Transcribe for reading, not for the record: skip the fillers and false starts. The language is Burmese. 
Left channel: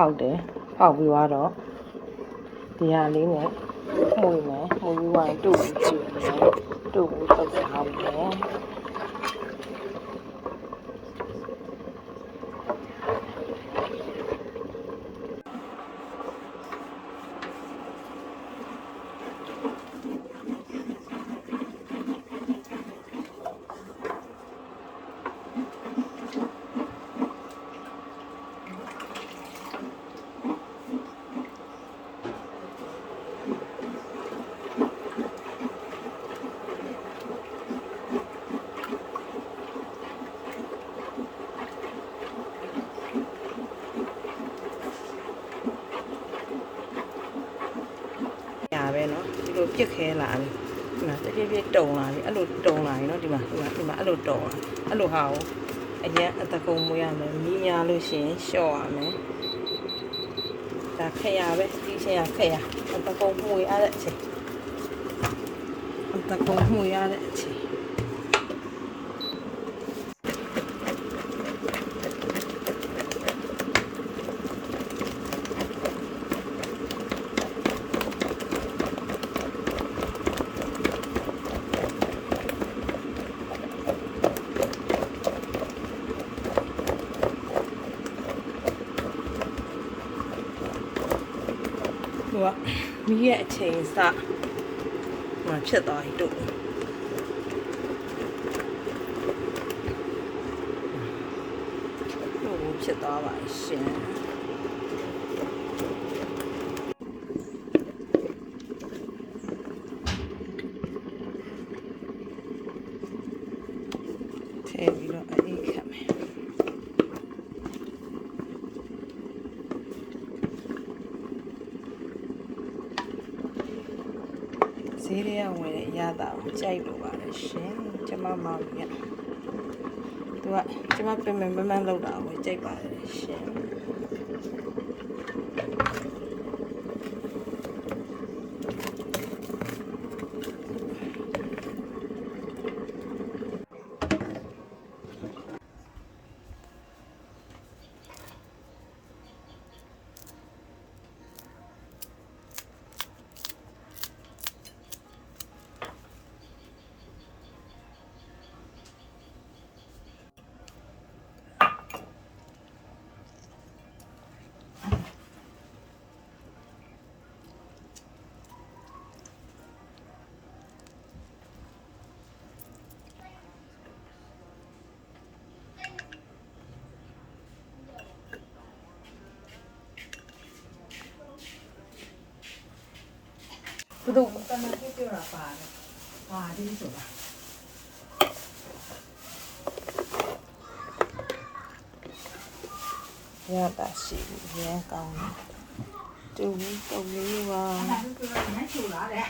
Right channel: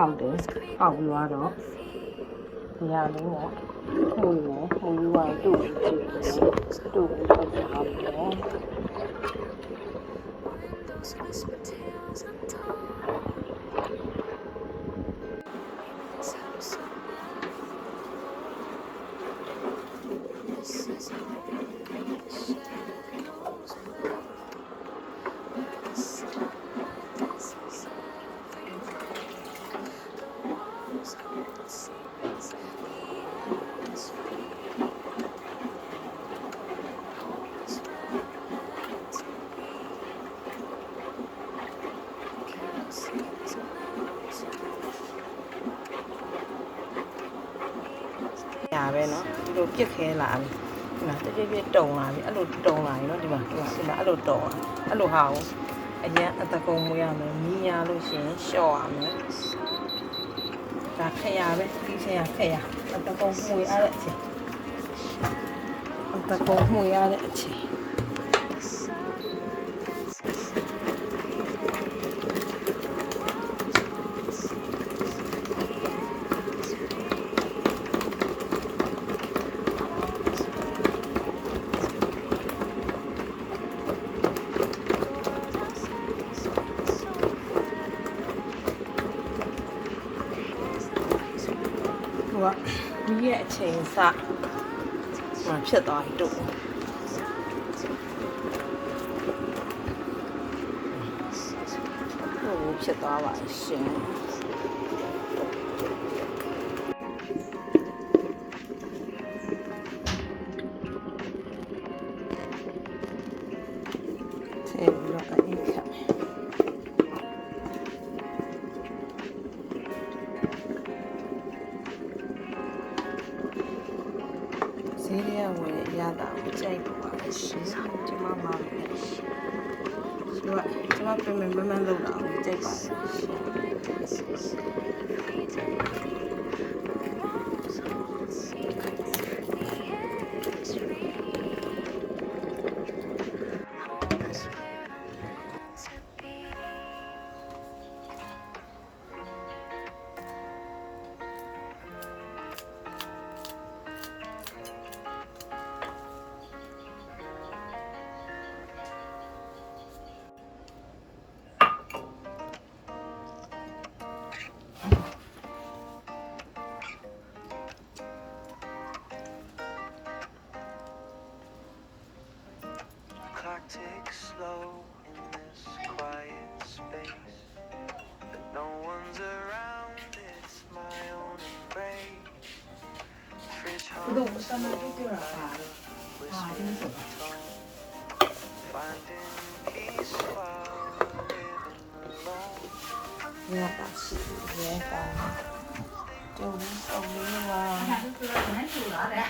ဖောက်တယ်ဖောက်ပြီးတော့ဒီဟာလေးနဲ့မှုမယ်မှုပြီးတော့တူပြီးကြည့်မယ်တူပြီးပတ်စံအောင်မယ်ညာပဲเนาะဒီလိုပြစ်ခဲလာပြီဒီမှာတပြည့်ပြည့်တုံလာပြီအဲ့လိုတုံလာပြီเนาะဒီမှာအဲ့လိုတုံအဲ့လိုဟာကိုအရင်အတကုံမွေးရမယ်မီးများလို့ရှိရင်လျှော့ရမယ်ဒါခက်ရပဲပြီးချင်းရခက်ရအတကုံမွေးရတဲ့အချိန်အတကုံမွေးရတဲ့အချိန်ဒီရဲ့အချိန်စမှဖြစ်သွားပြီတို့ဖြစ်သွားပါရှင်ထည့်ပြီးတော့အေးခတ်မယ်ဈေးရဲဝင်ရတာကိုကြိုက်လို့ပါပဲရှင်ကျမမလည်းကျမပြန်မလောက်တာကိုကြိုက်ပါတယ်ရှင်Take slow in this quiet space. No one's around, it's my own afraid. Fridge 구독 버튼을 띄워라. finding peace while living alone. ရတာရှိတယ်ကောင်းတူလေးပါ 그냥 그거 그냥 좋아해.